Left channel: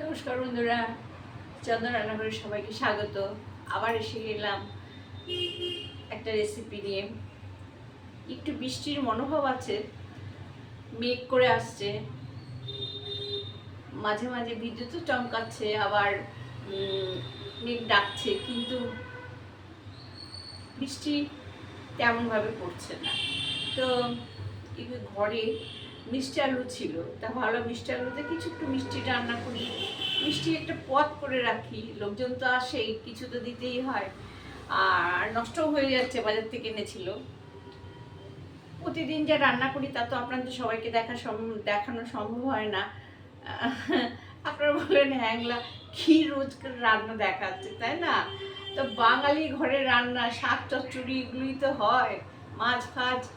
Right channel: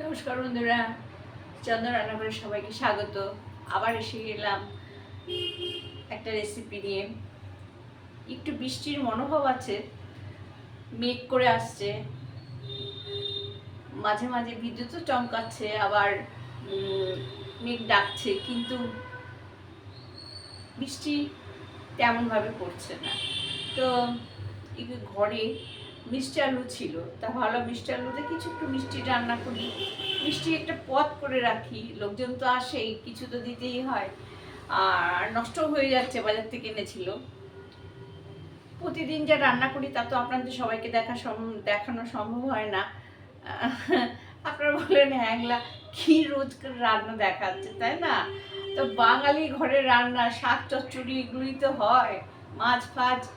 নমস্কার বন্ধুরা, চন্দন রান্নাঘরে সবাইকে স্বাগত। আবার এসে গেলাম একটা রেসিপি নিয়ে। একটু বৃষ্টির মনোভাব আছে, মেঘ করে আসছে। মাঝে মাঝে বিদ্যুৎও চমকাচ্ছে, আবার মেঘ ডাকছে, কিন্তু বৃষ্টি তেমনভাবে পড়ছে না। তো ঘরে মিষ্টি আলু ছিল, তা ভালো মিষ্টি আলুতে কিছু একটু মিষ্টি রান্না করি। মিষ্টি একটা পদ করে রাখি, লোকজন তো আসেই, কিছু তো দিতেই হয়। আর নষ্ট হয়ে যাচ্ছে, বাজার থেকে এনেছিল। প্রতিদিন যা রান্না করি, তা তো আপনাদের সবাইকে দেখা দেখানো সম্ভব হয় না। আপনারা বলেন, হ্যাংলা, কি রোজকার রান্না দেখাচ্ছে, তাই না? তো বাঙালি ঘরে রান্না, শাক চচ্চড়ি, এগুলোই তো হয় মাছ ফাছ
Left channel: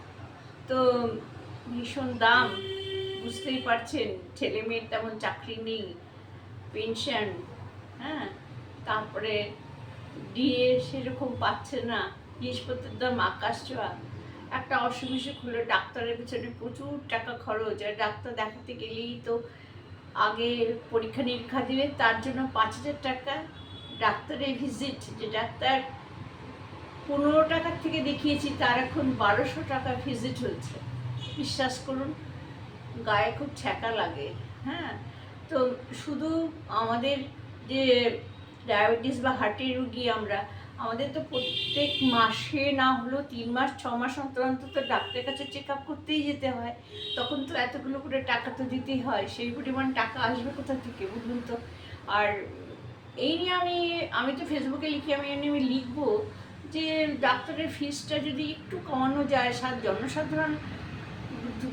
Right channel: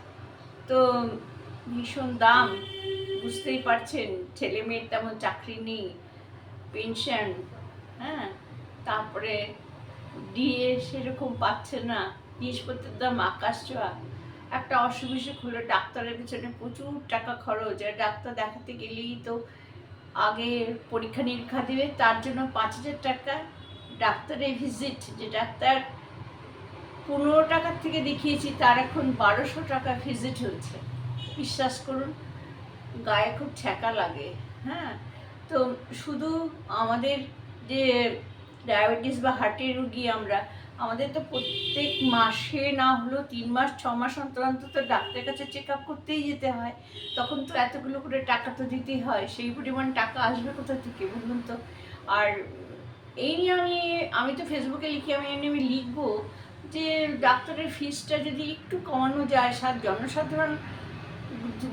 তো ভীষণ দাম। বুঝতেই পারছেন ছেলে মেয়ের তেমন চাকরি নেই পেনশন হ্যাঁ? তারপরে ডিএ সেরকম পাচ্ছে না, জিনিসপত্রের দাম আকাশ ছোঁয়া। একটা অসুখ বিসুখ হলো ডাক্তারের পিছনে প্রচুর টাকা খরচ, আর ডাক্তার দেখাতে গেলেই তো আগে পরীক্ষা নিরীক্ষা দিলে তার জন্য পাঁচ হাজার টাকা। ডাক্তারের ভিজিট যে ডাক্তার পনেরো টাকার থেকে দেখিয়েছি, তার এখন বারোশো টাকা ভিজিট হচ্ছে। বিশ্বাস করুন, গায়ে খুব ছ্যাঁকা লাগে হ্যাঁ? তো শুধু আমাদের যে ডায়াবেটিস বা হার্টের রুগী আমরা, আমাদের তো প্রত্যেক মাসে না হলেও তিন মাস, ছ মাস অন্তর অন্তর তো ডাক্তারের কাছে চেক আপ করতেই যেতে হয়। তখন তো এতগুলো করে টাকা তো দিতেই হয়, সেই পরিমাণ টাকা আসবে কোথা থেকে বলুন তো? আর এই নিয়ে আমি আমি তো ফেসবুকে লিখি, আমি আমি আমি লিখব যে ডাক্তারের ফিসটা যদি একটু কমানো যায় জনসাধারণ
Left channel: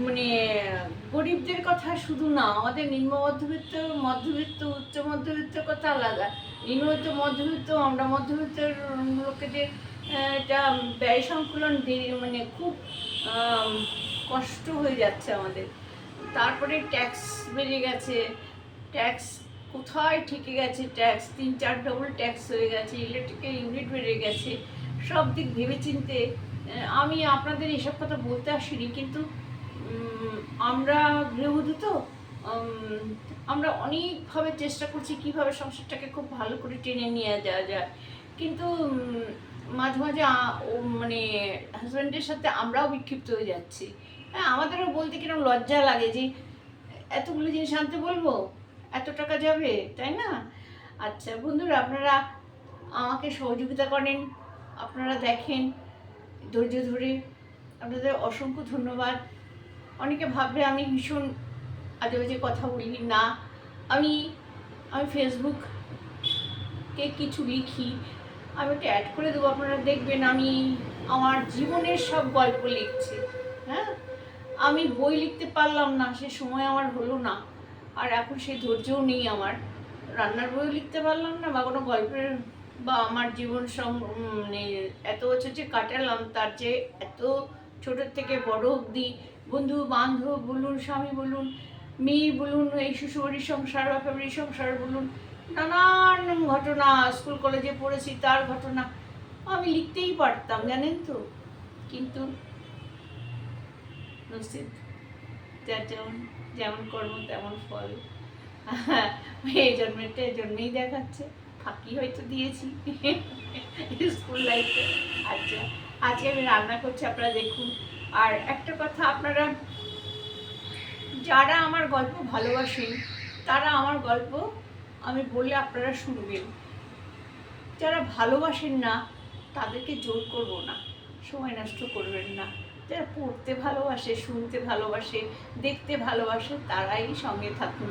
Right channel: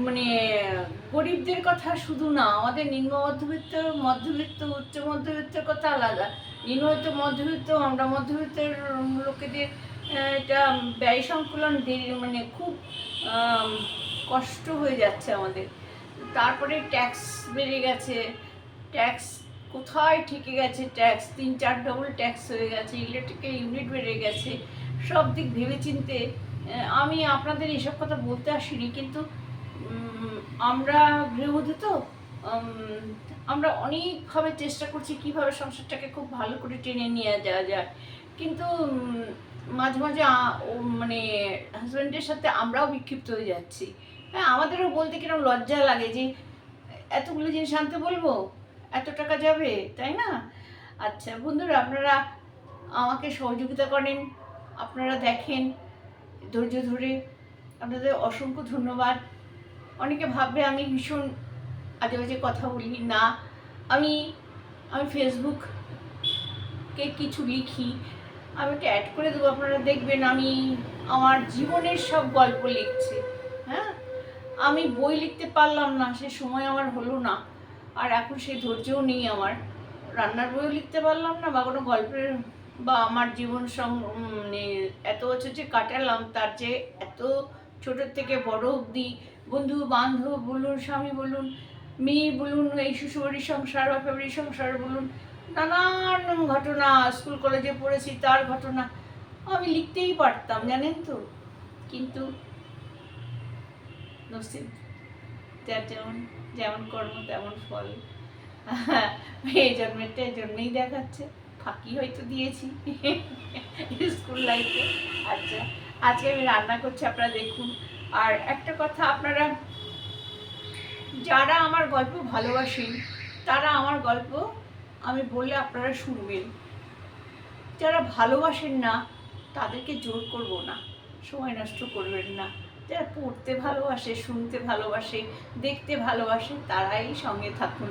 মানে গরিবদের কথা শুধু না, আমাদের নিম্ন মধ্যবিত্ত মধ্যবিত্ত, উচ্চ মধ্যবিত্তের কথা আলাদা। নিম্নবিত্ত মধ্যবিত্ত, আমরা মধ্যবিত্তের লোকেদের এটা ব্যয় সংকুলন মানে খুব কষ্ট হয়ে যাচ্ছে আমাদের। তারপরে ট্যাক্স বেড়ে গেছে। ট্যাক্স কোথায় ঠেকে গেছে? ট্যাক্স তিন, চার ডবল ট্যাক্স হয়ে গেছে। ইলেকট্রিকের ইউনিট বেড়ে গেছে। সব দিক ভেবেচিন্তে আমি আপনাদের এসব কথা বলতে আসিনি, কিন্তু আমরা গৃহবধূ তো আমরা অনেকভাবে চেষ্টা করছি কীভাবে সংসারটাকে খুব ভালো করে টেনে নিয়ে যাওয়া যায়। কিন্তু মাঝে মাঝে মানে হাজব্যান্ডের সাথে আমরাও বিক্ষিপ্ত হয়ে যাচ্ছি। হ্যাঁ আমাদেরও বলতে কীরকম লজ্জা লাগে যে, এতগুলো জিনিস আনতে বলব, এত টাকা যাবে, তাই না? আচ্ছা বন্ধুরা, আপনারা আমাকে সহযোগিতা করেন, আপনারা দেখেন, ধৈর্য ধরে, আপনাদের অসংখ্য ধন্যবাদ। অনেকে ভাববে আমি ভীষণ আজে বাজে কথা বলি, না। আমি আমি ফেসবুককে কিছু লিখি, আমি ওটা অ্যাড করে দেবো, আপনারা দেখবেন আমি আমার জীবনের সব গল্প লিখছি হ্যাঁ? আমি বই লিখতে পারলাম না, সে সময় আমার হলো না, আর এখন সেই ধৈর্যও নেই আমার। রান্নার বইও লিখতে পারলাম না, বা কোনো গল্পের, বা আমার জীবন মানে এত বছর যে কাটালাম, তার যে এত ছোটোর থেকে বড় অবধি বন্ধু বান্ধব বলুন, স্বামী বলুন, মেয়ে বলুন, এই শ্বশুরবাড়ির সংসার বা ফ্যামিলির সংসার বলুন, নানান ঘটনা, স্কুল, কলেজে পড়েছি তার ঘটনা, আমি লিখতেই পারতাম, জানেন তো? কিন্তু যেমন যেমন কর্ম, তেমন ফল। এই জন্মেরটা এই জন্যই দেখাচ্ছে, ফাঁকি হয়তো দিয়েছি। স্কুল লাইফে আচ্ছা আজকে আমি রান্না করছি, আপনারা দেখুন। আর একটা কথা, আপনারা যারা আমার গল্প ভালোবাসেন, তারা আমার গল্প আমি বললে আপনারা শুনবেন। যারা ভালোবাসেন না, তাদেরকে জোর করব না, সময় নষ্ট করবেন না। যারা পড়তে ভালোবাসে, শুনতে ভালোবাসে, দেখতে ভালোবাসে, তারাই সঙ্গে থাকুন।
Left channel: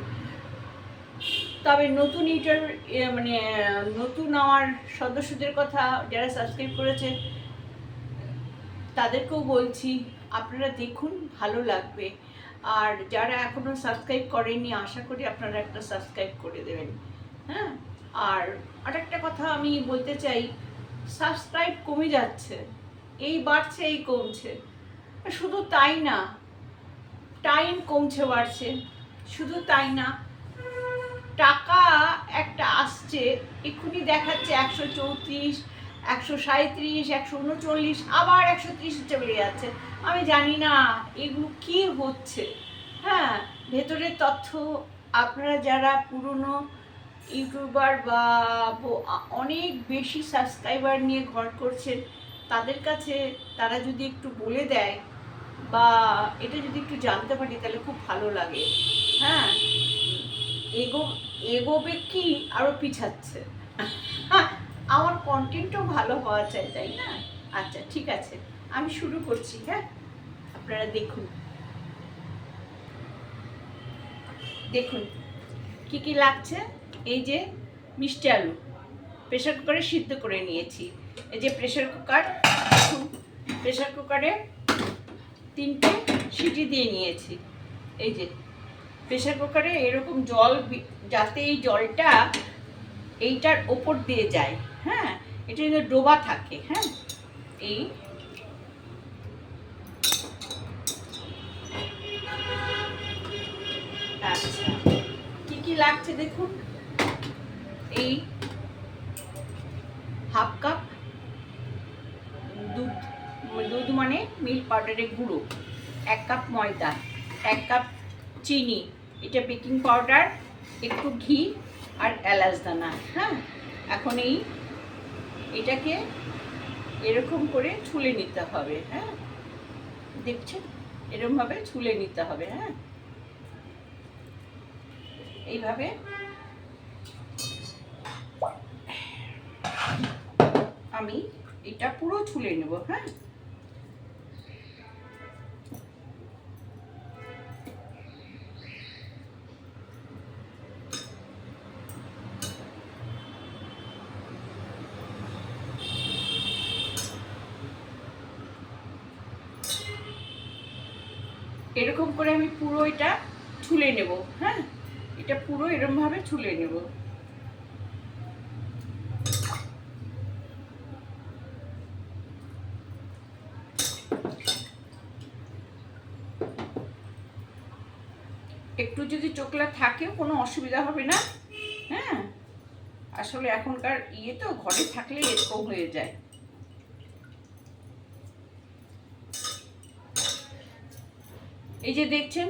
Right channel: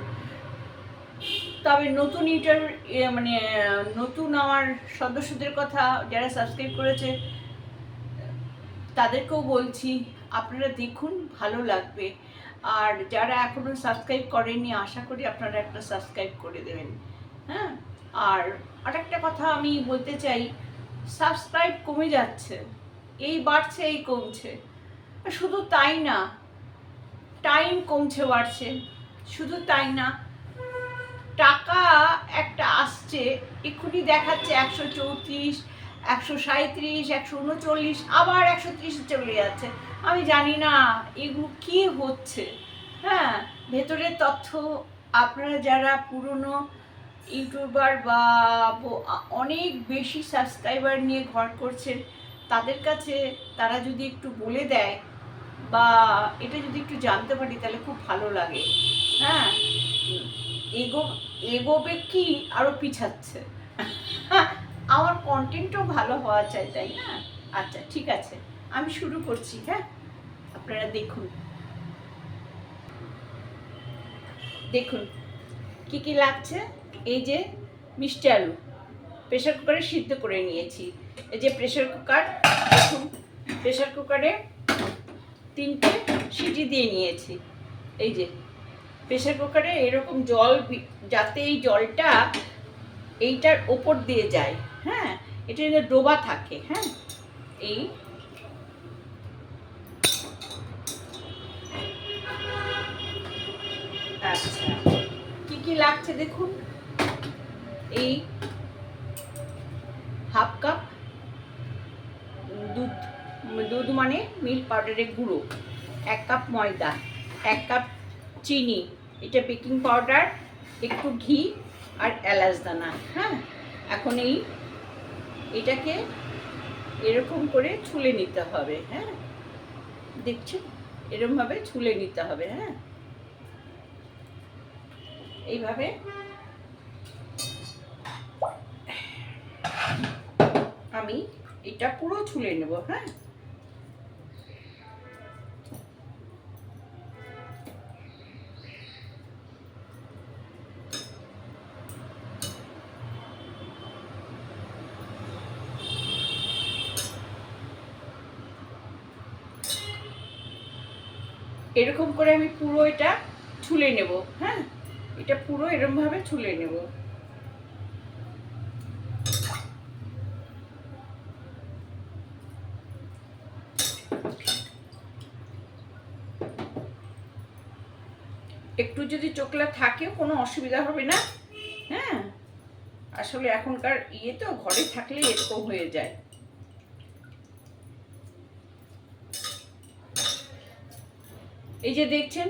তবে নতুন ইউটার মানে নতুন আমার সদস্যদের কথা যারা সাবস্ক্রাইব করেছে, তাদেরকেও বলছি আপনারা দেখুন, ভালো লাগবে। আর যারা এখনও সাবস্ক্রাইব করেননি, আশা করি আপনারা একটা সাবস্ক্রাইব করে দেবেন। হ্যাঁ? আর আরেকটা কথা আমি বলতে চাই সাবস্ক্রাইব কমে যাচ্ছে। এই বাড়ছে, এই কমছে। শুধু তাই না টাইম কমছে, বাড়ছে। শুধু তাই না, টাকা একটা আসছে, এক্ষুনি দেখাচ্ছে একশো চৌত্রিশ, একশো সাঁত্রিশ একশো উনচল্লিশ, আবার একশো ত্রিশে চলে যাচ্ছে। আমি জানি না, এগুলো কি হচ্ছে? হ্যাঁ ভেতরের তথ্য আপনারা যারা পুরনো ইউটিউবার বা অনেক বেশি সাবস্ক্রাইবার নিয়ে ঘর করছেন, তাদের কাছে তারা যদি একটু বলে দেয় বা এটা যদি একটু জানতে পারি তাহলে খুব ভালো লাগে। হ্যাঁ এগো, এগোবে কি আরও পিছাচ্ছে? আমার কন্টেন্টও ভালো হওয়া চাই, তাই না? আচ্ছা ঠিক আছে। আমি শুরু করছি হ্যাঁ? আপনারা দেখুন। দেখুন, কি কি লাগছে? এই যে মিষ্টি আলু প্রেশার কুকারে সিদ্ধ করে নিয়েছি। এই যে প্রেশার কুকার দেখুন প্রেশার কুকারে তিনটে সিটি দিয়ে নিয়েছি। এই যে প্রেশার কুকারে এরকম জল যাতে এই জলটা এইটার ওপর দিয়ে যায় হ্যাঁ? এটা ডোবা থাকে হ্যাঁ? এই আচ্ছা কি কি লাগছে দেখুন? এই হাফ কাপ দুধ দুধ মানে মিল্ক পাউডারের গুঁড়ো, এক কাপ ময়দা, এক কাপ চিনি, এটা বেকিং পাউডার, একটু ঘি আর এলাচ দানা হ্যাঁ? এখন এই এটাকে এরকম করে ছুলে নিতে হবে হ্যাঁ? দেখছেন? এরকমভাবে ছুলে নিতে হবে হ্যাঁ? এইভাবে। আমি এটা পুরো ছুলে নেব হ্যাঁ? এরকম করে আমি পুরো এটা ছুলে নেব হ্যাঁ? এটা পুরো এরকম ভাবে ছুলে নেব। একটু যদি চোখলা থাকে, কোনো অসুবিধা হবে না। হ্যাঁ? আসলে এখনকার ইয়ে তো, ঘরে থাকলে এরকম হয়ে যায়। এই যে দেখছেন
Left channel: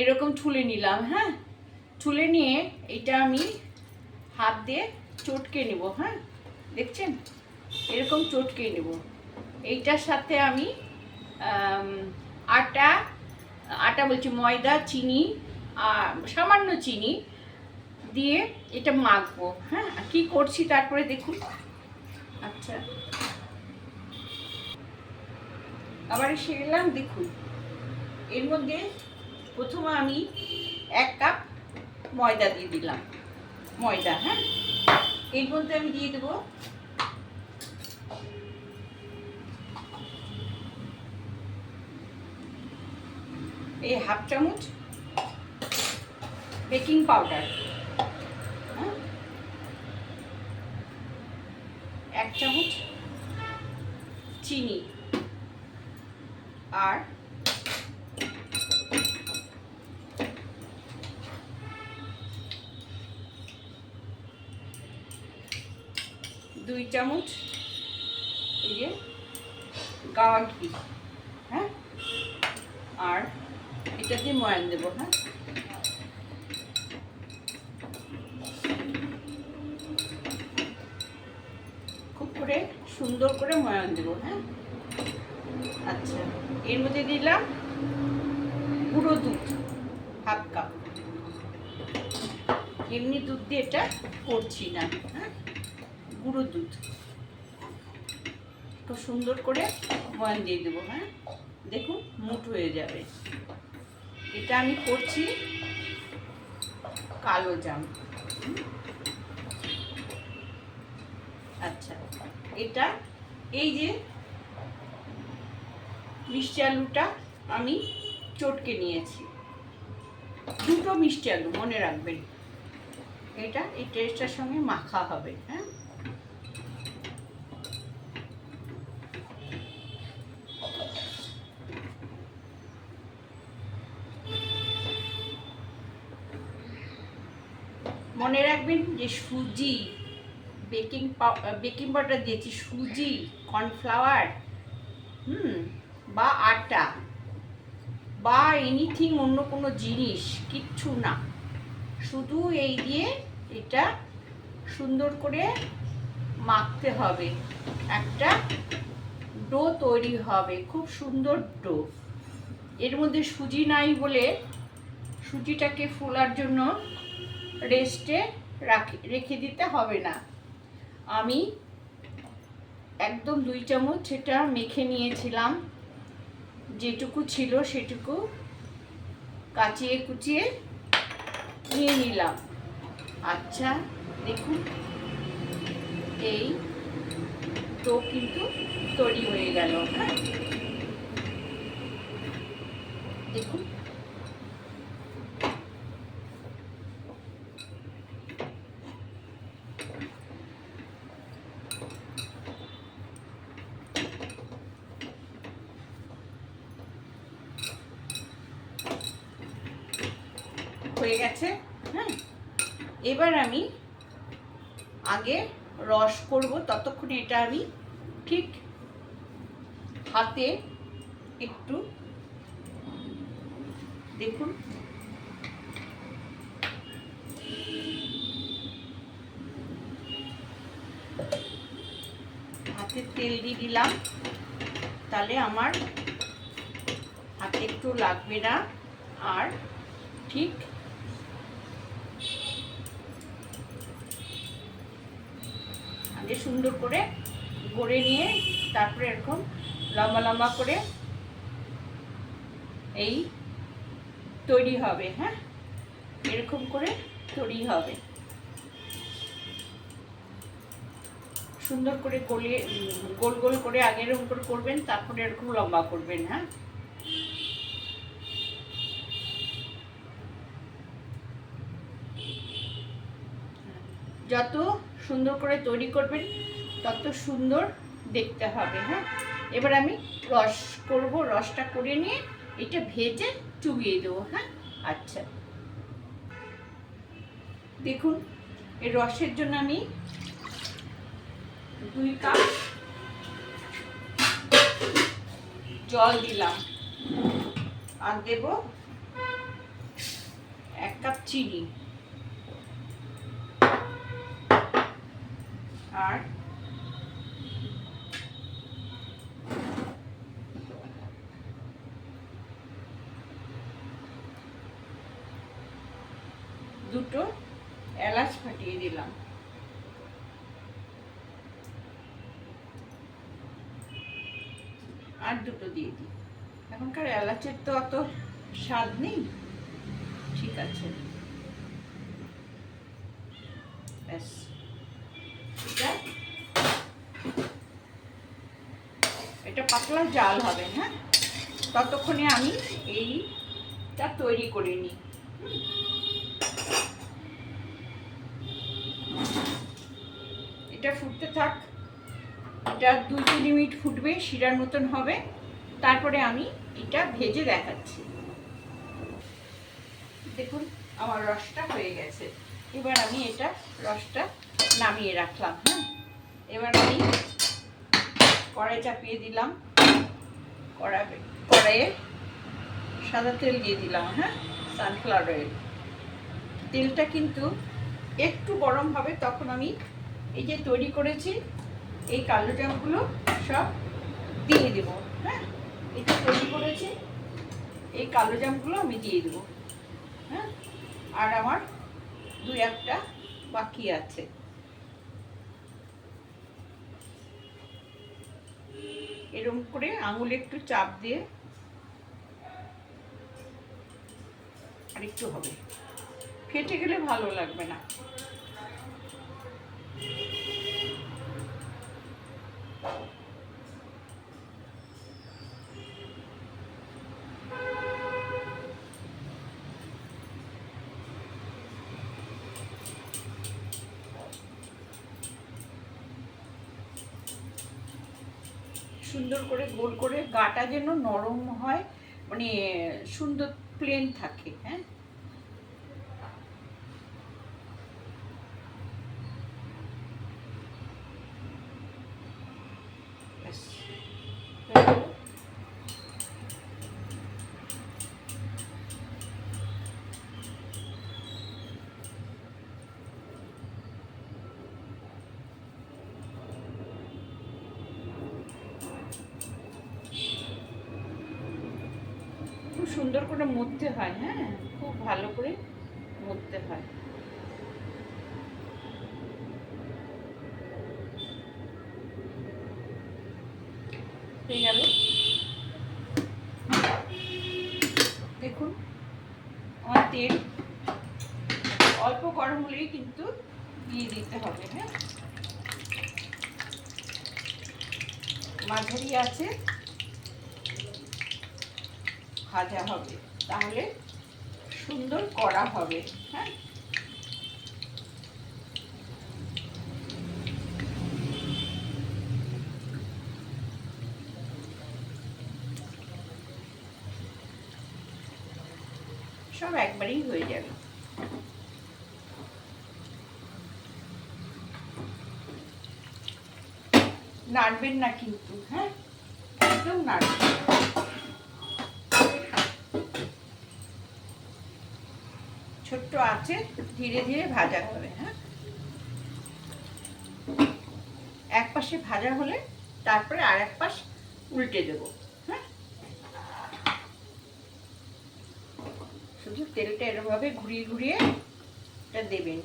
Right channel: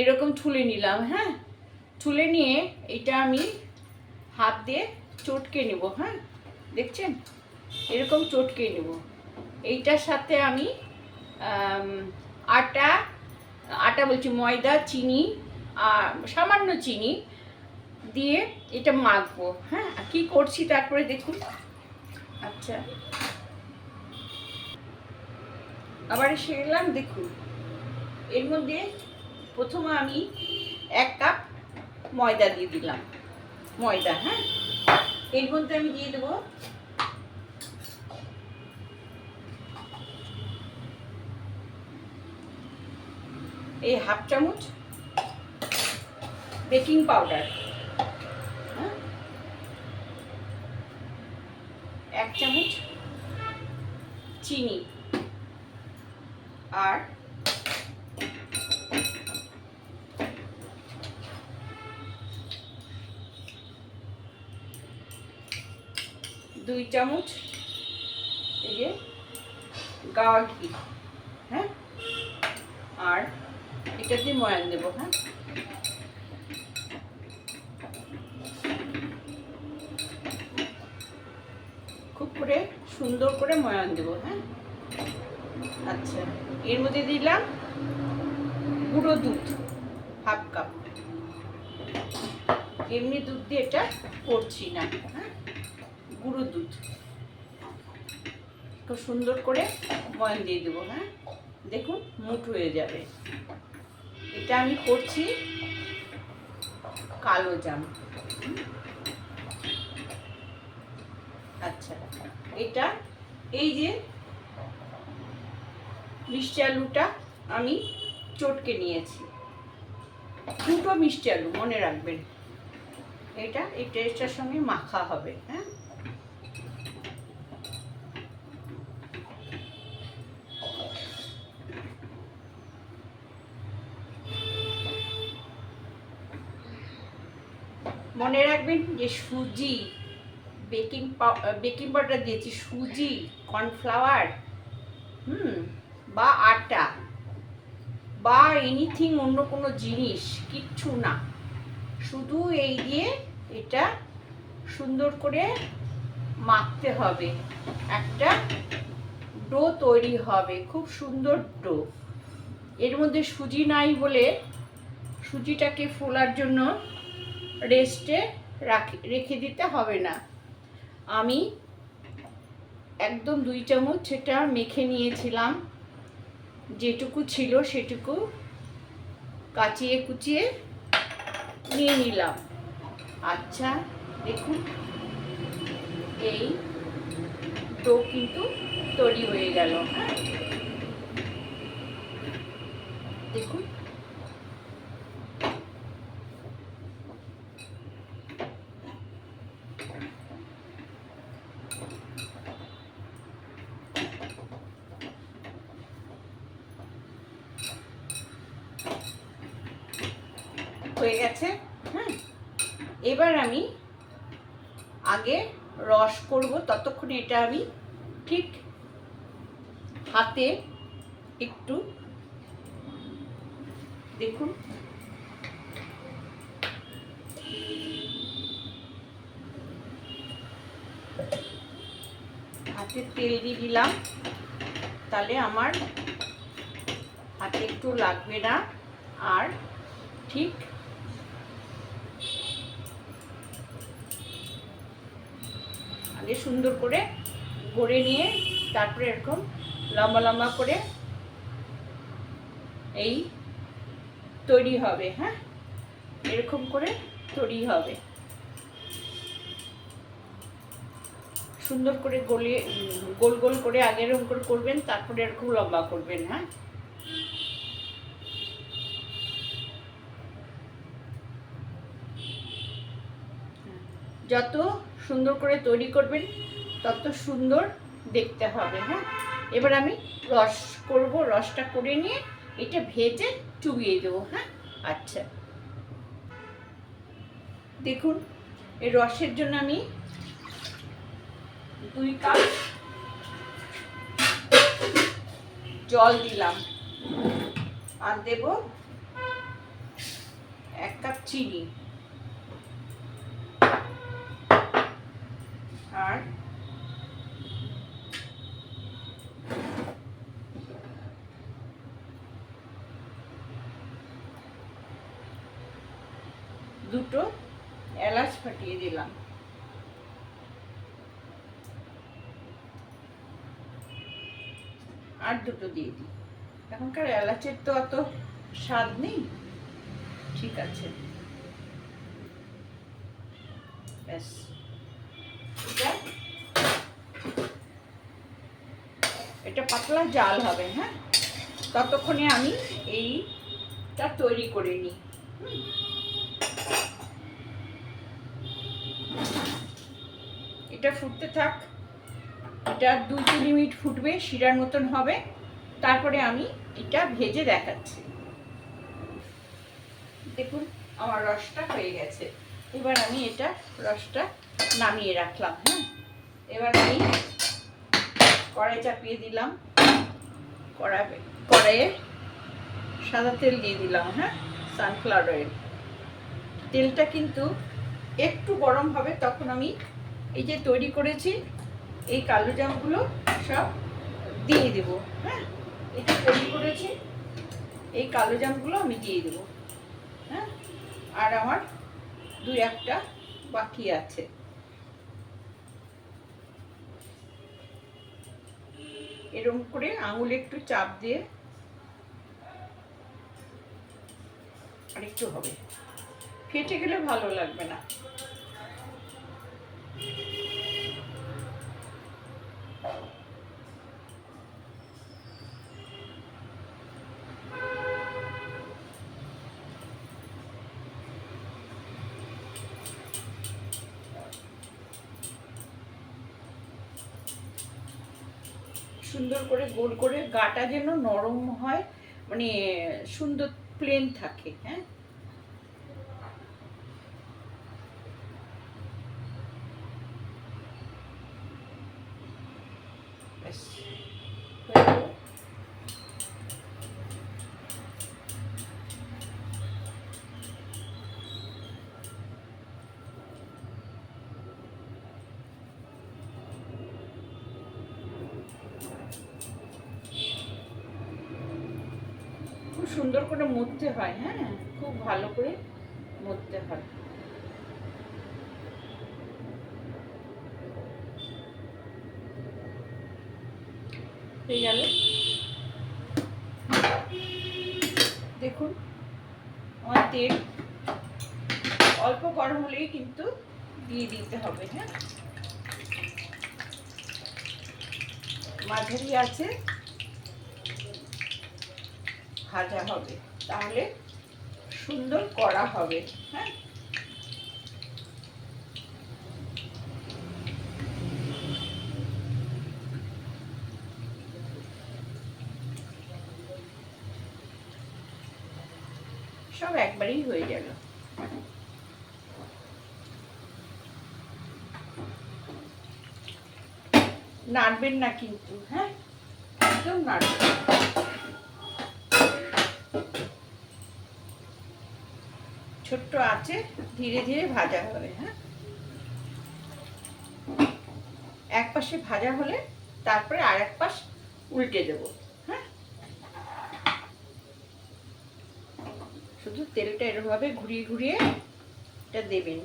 এরকম ছুলে নিলাম হ্যাঁ? ছুলে নিয়ে এটা আমি হাত দিয়ে চটকে নেব হ্যাঁ? দেখছেন? এরকম চটকে নেব। এইটার সাথে আমি আটা আটা বলছি, ময়দা, চিনি সামান্য চিনি দিয়ে এটা মাখবো হ্যাঁ? কি করছি তারপরে দেখুন। আচ্ছা। আবার এসে গেলাম দেখুন। এর মধ্যে প্রথমে আমি এক কাপ ময়দা দিয়ে দিলাম। ময়দা হ্যাঁ? এর মধ্যে আমি দিয়ে দেবো এই হাফ চামচ বেকিং পাউডার হ্যাঁ? এক চামচ চিনি আর দুই চামচ এই যে গাওয়া ঘি হ্যাঁ? আর এটা দিয়ে ময়ান দেবো হ্যাঁ? খুব করে সুন্দর করে ময়ান দেবো হ্যাঁ? আচ্ছা এর মধ্যে দিলাম গুঁড়ো দুধ, হাফ কাপ। এমনি দুধ দিয়ে এটা করছি না হ্যাঁ? গুঁড়ো দুধ। খুব সুন্দর করে ময়ান দিয়ে দেবো হ্যাঁ? দেখুন, মুঠ হয়ে যাবে। এটা আমি করছি কালো জাম। আচ্ছা এটা এই যে মিষ্টি আলুটা আমি চটকে নিয়েছি। দুটো মিষ্টি আলু, মনে রাখবেন। এটা, এই টেস্টটার সঙ্গে মাখা হবে হ্যাঁ? যে সুজি বেকিং পাউ বেকিং পাউডার দিয়েছি, সুজি কর্নফ্লাওয়ার হুম, বা আটা, বা এনিথিং অন্য কোনো জিনিস, কিচ্ছু না। শুধু এই দিয়ে এটা সুন্দর করে মাখতে হবে। একটা ডো তৈরি হবে, খুব সুন্দর ডো। এর মধ্যে সুজি নাই বলে সুজিটাকে ফোলার জন্য রেস্টে রাখি, রেখে দিতে হবে না। আমি একদম দুই চামচ সেটা মেখে নিয়েছিলাম। যেটুকু ছিল সেটুকু কাচিয়ে কুচিয়ে নিয়ে নিলাম। আচ্ছা দেখুন। এই ডো কিন্তু তৈরি হয়ে গেল হ্যাঁ। দেখুন। হয়ে গেছে। হ্যাঁ এবার আমি আগে রস করব, ততক্ষণে এটা আমি ঠিক হাতে একটু দেখুন। হাতে তেল দিয়ে দিলাম, তাহলে আমার হাতে একটু লাগবে না। আর ঠিক আগে সুন্দর করে গড়ে নিয়ে তারপরে এরকম লম্বা লম্বা করে এই তৈরি হবে হ্যাঁ? এরকম করে তৈরি হবে। সুন্দর করে গলিয়ে, গোল গোল করে আগে এরকম করে করবেন, তারপরে এরকম লম্বা করবেন হ্যাঁ? যত সুন্দর করে তৈরি করবেন, তত সুন্দর দেখতে হবে হ্যাঁ? এবার আমি রস করব, রসটা করে নিয়ে এটা ভেজে চুবিয়ে দেবো হ্যাঁ? আচ্ছা। দেখুন, এই রসের জন্য আমি দুই কাপ জল দিলাম আর দেব এক কাপ চিনি। আর? দুটো এলাচ ফাটিয়ে দিলাম। আর দুটো দিয়ে দিই। এখনকার এলাচের তো অত স্বাদ নেই। ঠিক আছে। ব্যাস এটা পাতলা জাল হবে হ্যাঁ? ততক্ষণে আমি এইটা তৈরি করে নিই। এটা ফুটতে থাক। এটা দুই তিন মিনিট ফুটবে, শিরার মতন হবে। তারপরে আমি এটা ভেজে দেখাচ্ছি। দেখুন, আমার রসটা হয়ে গেছে। এবার আমি এটা রসটা নামিয়ে রাখলাম হ্যাঁ? এবার আমি কড়াই চাপিয়ে দিলাম। কড়াই কড়াইয়ে সাদা তেল দিয়ে দিলাম হ্যাঁ? সানফ্লাওয়ার অয়েল তেলটা কিন্তু একটু গরম হবে, তখন আমি এই যে তৈরি করেছি, এই কালো জামগুলো সব দিয়ে দেব হ্যাঁ? এই যে তৈরি করেছি, এই কালো জামগুলো আমি দিয়ে দেবো হ্যাঁ? আর আমার দুই একটা বাকি আছে। এরকম করে আঙুলে একটু চাপ দিয়ে আরেকটু হবে। ফেটে গেলে ভালো লাগবে না সুন্দর করে গোল করে গাটা যেন নরম হয় মানে সুন্দর প্লেন থাকে হ্যাঁ ব্যাস, হয়ে গেল। সুন্দর করে মুড়তে হয় হ্যাঁ? খুব ভালো করে মুড়তে হয়। দেখুন, আমার তেল অল্প গরম হলেই কিন্তু দিয়ে দিতে হবে হ্যাঁ? মাঝারি আছে। ভাজা হবে। তাহলে সুন্দর করা হবে হ্যাঁ? সব একবারেই হয়ে যাবে নাড়বেন না কিন্তু হ্যাঁ? একদম নাড়বেন ছোট্ট আছে, ধীরে ধীরে ভাজা হবে হ্যাঁ? এক পাশে ভাজা হলে তারপরে আর এক পাশ উল্টে দেব হ্যাঁ? শুধু তেলটা এরভাবে ঘুরিয়ে ঘুরিয়ে এটা দেবেন।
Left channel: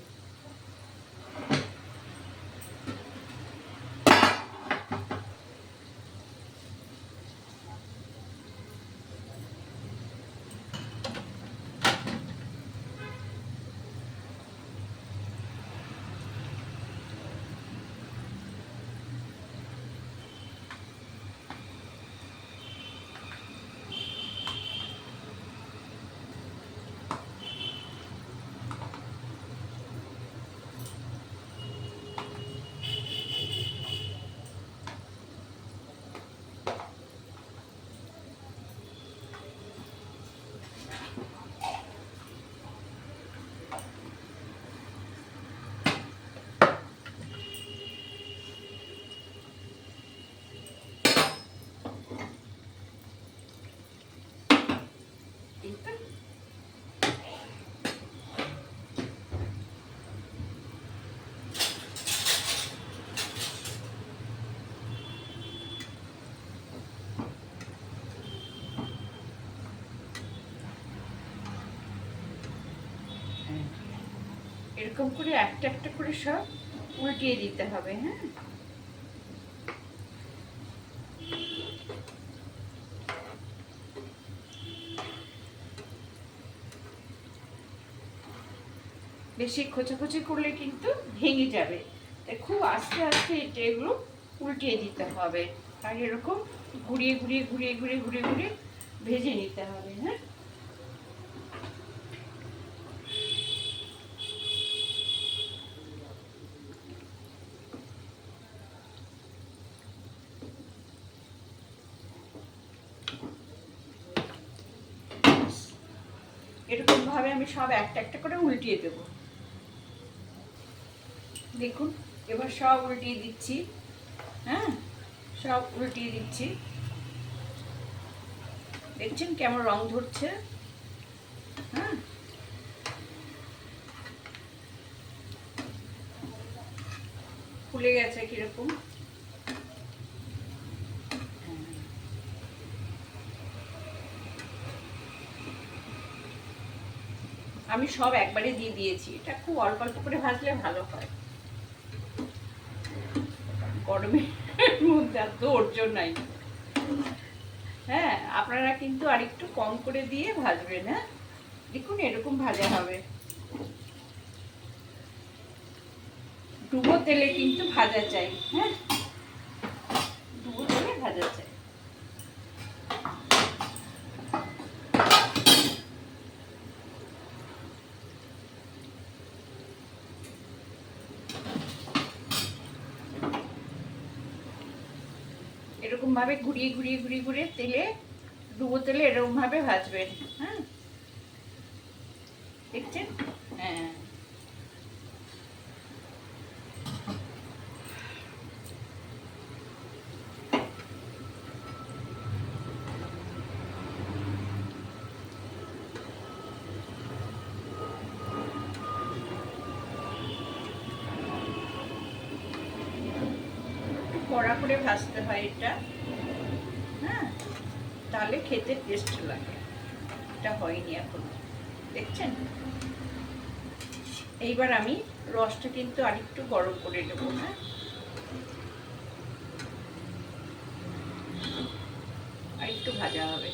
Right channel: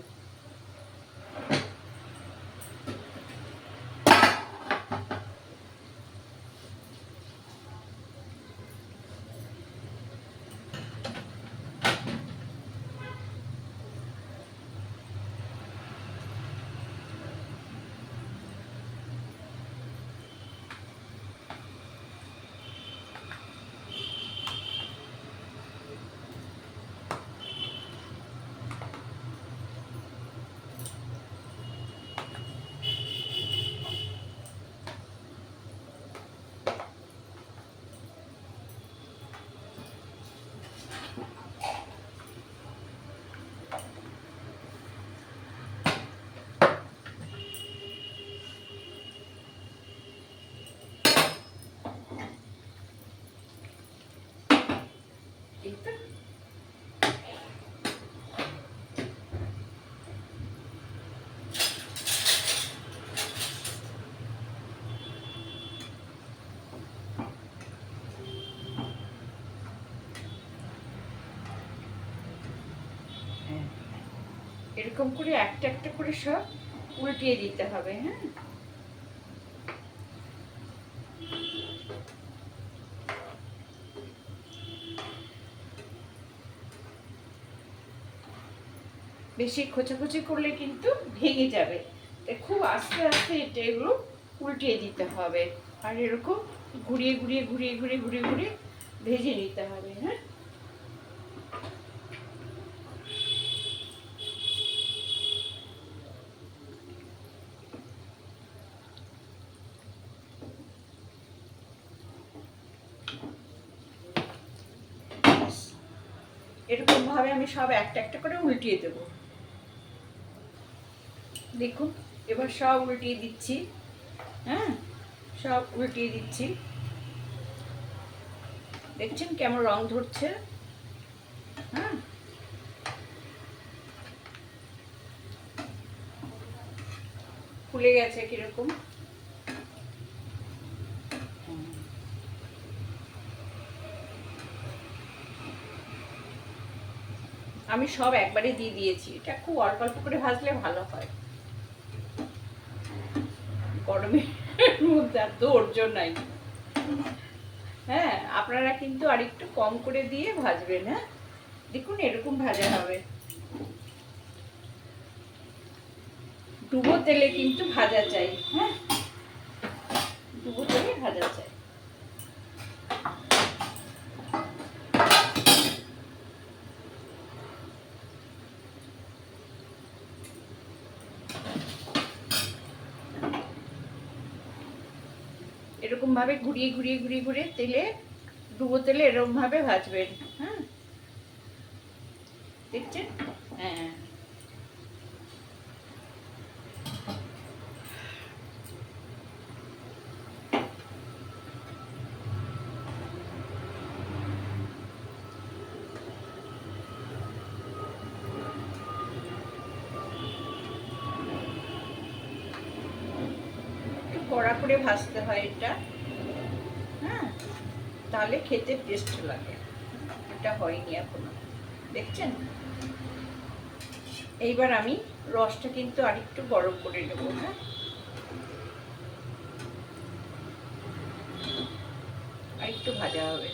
এরকম করে একটা একটা করে সব উল্টিয়ে দিতে হবে হ্যাঁ? বেশি খোঁচাখুচি করলে কিন্তু ভেঙে যাবে। তাই খুব আস্তে আস্তে এটা এগুলো উল্টিয়ে দিতে হবে। আর এরকম ঘুরিয়ে ঘুরিয়ে ঘুরিয়ে ঘুরিয়ে ঘুরিয়ে ঘুরিয়ে ভেজে নিতে হবে হ্যাঁ? এরকম ভাবে আমি সব একটা একটা করে উল্টিয়ে দেব। দেখুন এবার সব উল্টিয়ে দিচ্ছি। হ্যাঁ? সব উল্টিয়ে দিচ্ছি। দেখছেন কেমন রং ধরছে? হ্যাঁ? ফুলে গেছে কীরকম। আমি সব একবারে দিয়ে দিয়েছি। এটা খুব অল্প অল্প করে ভাজলে ভালো হয়। গরমের মধ্যে আর ধৈর্য নাই। হ্যাঁ আপনারা কিন্তু আর একটু কম করে দিয়ে ভাজবেন হ্যাঁ? দেখুন এরকম ভাজা হবে। ডুবো তেলে কিন্তু ভাজা চাই হ্যাঁ? ডুবো তেলে ভাজা চাই। এরকম ভাবে ঘুরিয়ে ঘুরিয়ে ঘুরিয়ে ঘুরিয়ে তেলে, ডুবো তেলে এরকম ভাবে ভাজবেন হ্যাঁ? দেখছেন? হ্যাঁ। কড়া করে ভাজতে হয় এটা। তাহলে খেতে টেস্ট লাগে। এটা হয়নি এখনও। দেখছেন? এইবার আমি রসটা কিন্তু আরেকটু গরম করে নেব হ্যাঁ আর একটু ভাজা হবে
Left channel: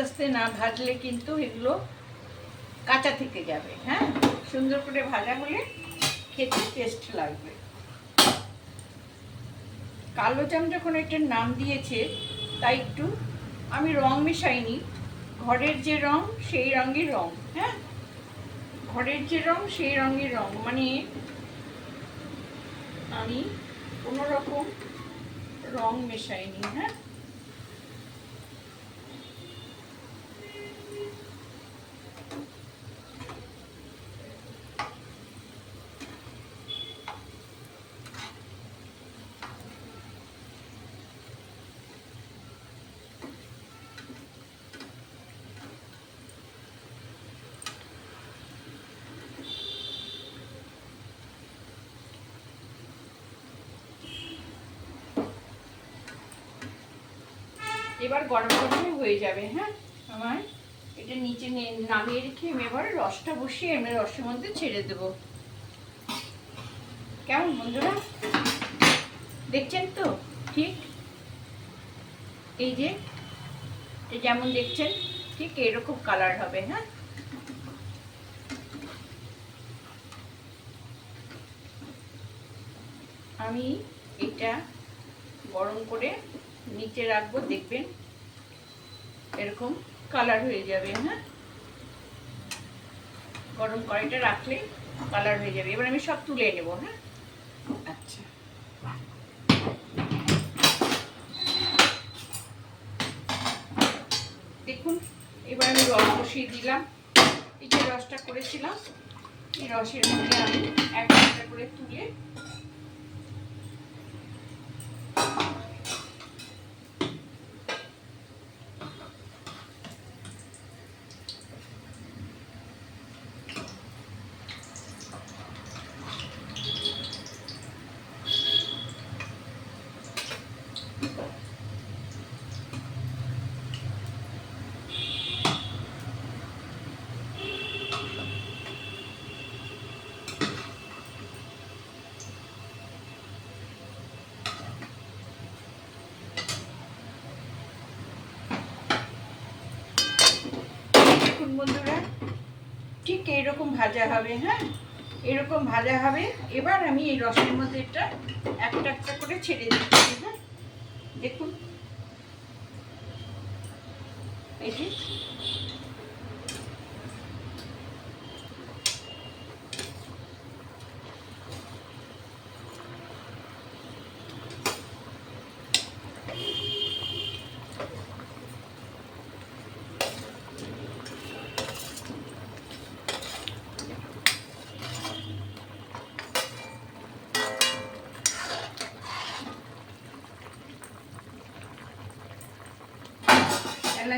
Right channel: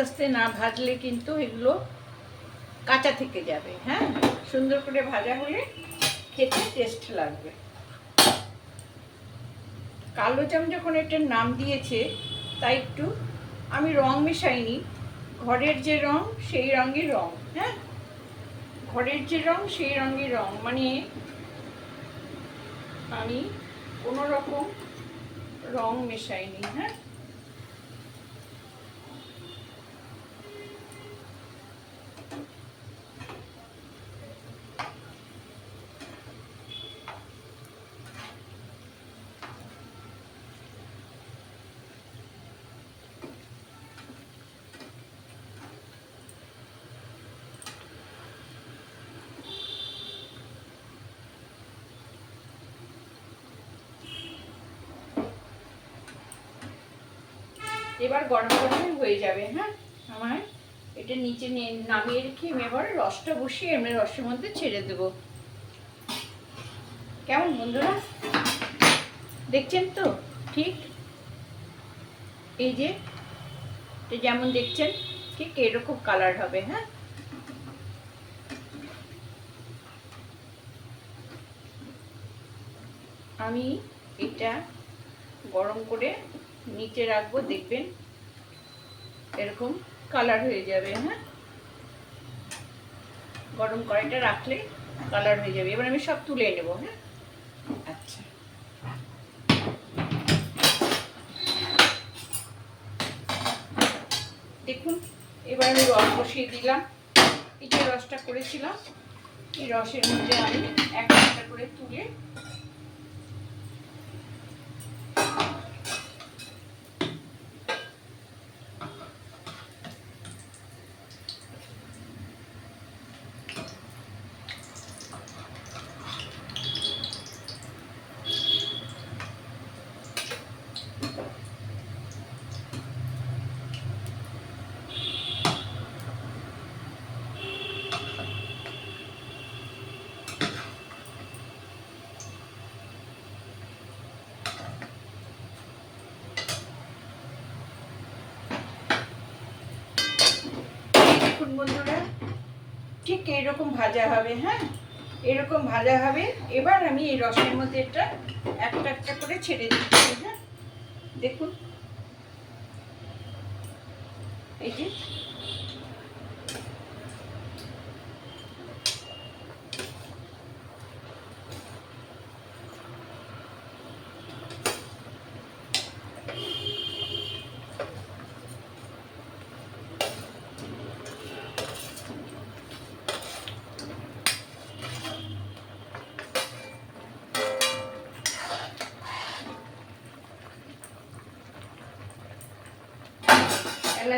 আস্তে না ভাজলে কিন্তু এগুলো কাঁচা থেকে যাবে হ্যাঁ? সুন্দর করে ভাজা হলে খেতে টেস্ট লাগবে। কালো জাম যখন এটার নাম দিয়েছে, তাই একটু আমি রং মেশাইনি। ঘরের যে রং, সেই রঙই রং হ্যাঁ? ঘরের যে রং, সেই রঙই রং। মানে আমি কোনো রকম রং মেশাইনি হ্যাঁ? এবার গরম গরমই হয়ে যাবে হ্যাঁ? আমার এটা নিচে নামিয়ে রেখে আমি এবার রসটা বসিয়ে আমি রসের মধ্যে ছেড়ে দেবো। কেমন বন্ধুরা? দেখছেন তো? ঠিক? এই যে যেমন দেখছেন, ঠিক এরকম কালার হবে হ্যাঁ? আমি এটা গরম করে নিচে রাখব দেখবেন। এরকম কালার হয়ে যাবে হ্যাঁ? গরম কড়াইটা রাখলে কালার হয়ে যাবে। এবার আমি সব তুলে নেব হ্যাঁ? আচ্ছা। দেখুন এবার আমি রস বসিয়ে দিলাম। এই যে রসটা করেছিলাম এই রসের মধ্যে আমি একটা একটা করে তুলে দেখুন বন্ধুরা ঠিক এইরকম ভাজা হবে হ্যাঁ? এরকম ভাজা হবে। এবার আমি এই রসের মধ্যে এটা একটা একটা করে ছেড়ে দিচ্ছি হ্যাঁ? দেখুন। এই যে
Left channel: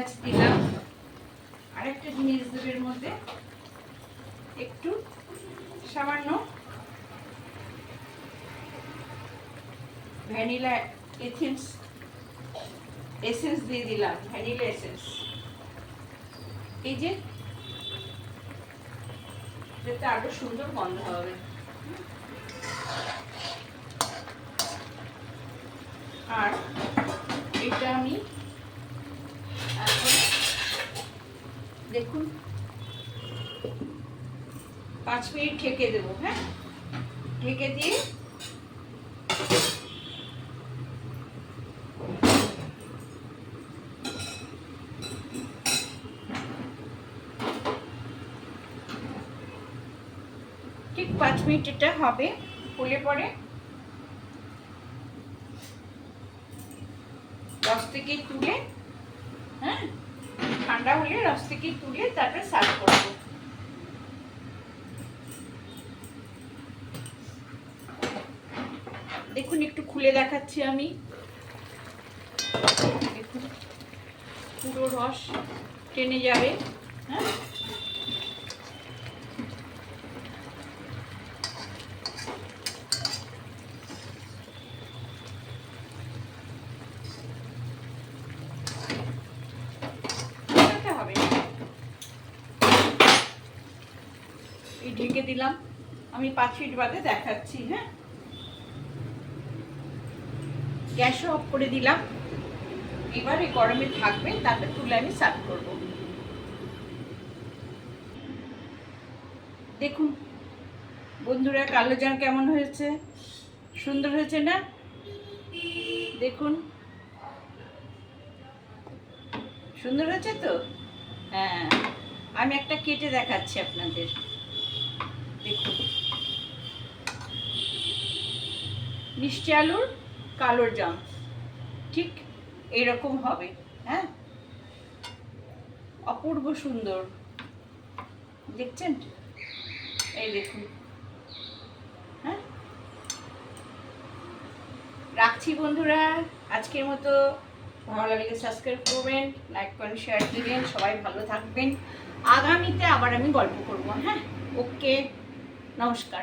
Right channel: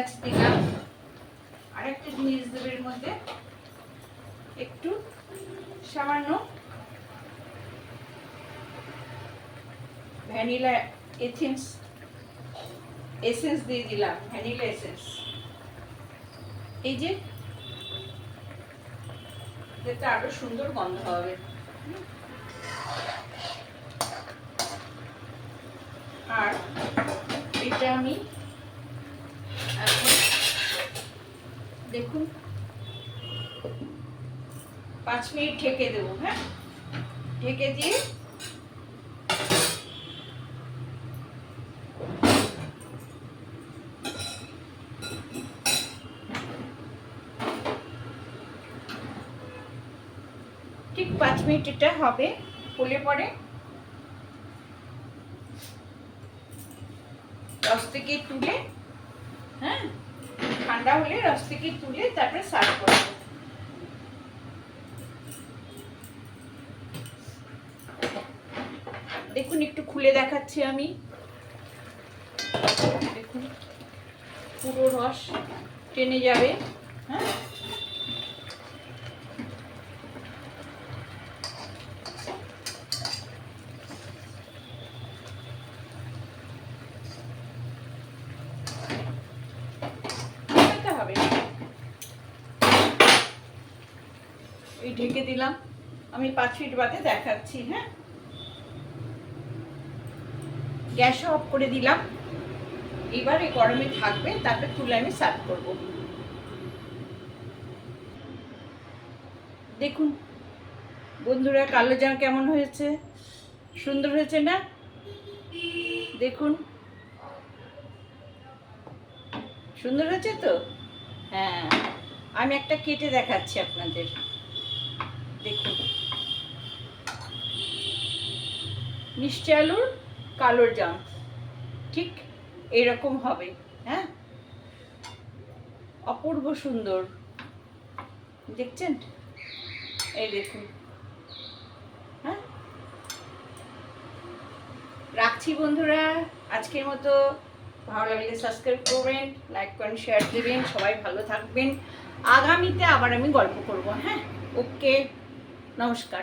এলাচ দিলাম আরেকটা জিনিস দেবে মধ্যে একটু সামান্য ভ্যানিলা এসেন্স এসেন্স দিয়ে দিলাম, ভ্যানিলা এসেন্স। এই যে আরও সুন্দর গন্ধ হবে। আর এটা আমি দেখুন। পাঁচ মিনিট ঢেকে দেবো হ্যাঁ? ঢেকে দিয়ে ঠিক পাঁচ মিনিট এটা হবে ফুলে পরে রস থেকে তুলে ঠান্ডা হলে রস থেকে তুলে তারপরে সার্ভ করব। দেখুন দেখুন, একটু খুলে দেখাচ্ছি আমি। দেখুন, পুরো রস টেনে যাবে হ্যাঁ ফেলতে হবে না। এই ঢেকে দিলাম আমি পাঁচ মিনিট বাদে দেখাচ্ছি হ্যাঁ? গ্যাস অফ করে দিলাম। এবার এই গরমে থাকবে, তারপর তুলে আমি সার্ভ করব। দেখুন, বন্ধুরা, কালো জার কেমন হয়েছে? সুন্দর হয়েছে না? দেখুন। সুন্দর হয়েছে তো? হ্যাঁ। আমি একটা কেটে দেখাচ্ছি আপনাদের। দেখুন। মিষ্টি আলুর কালোর জাম। ঠিক এরকম হবে হ্যাঁ? অপূর্ব সুন্দর। দেখছেন? এই দেখুন। হ্যাঁ? রাখছি বন্ধুরা, আজকের মতো। ভালো লাগলে সাবস্ক্রাইব করবেন লাইক করেন শেয়ার দেবেন, সবাই ভালো থাকবেন। আগামীতে আবার আমি গল্প করব হ্যাঁ? ওকে, নমস্কার।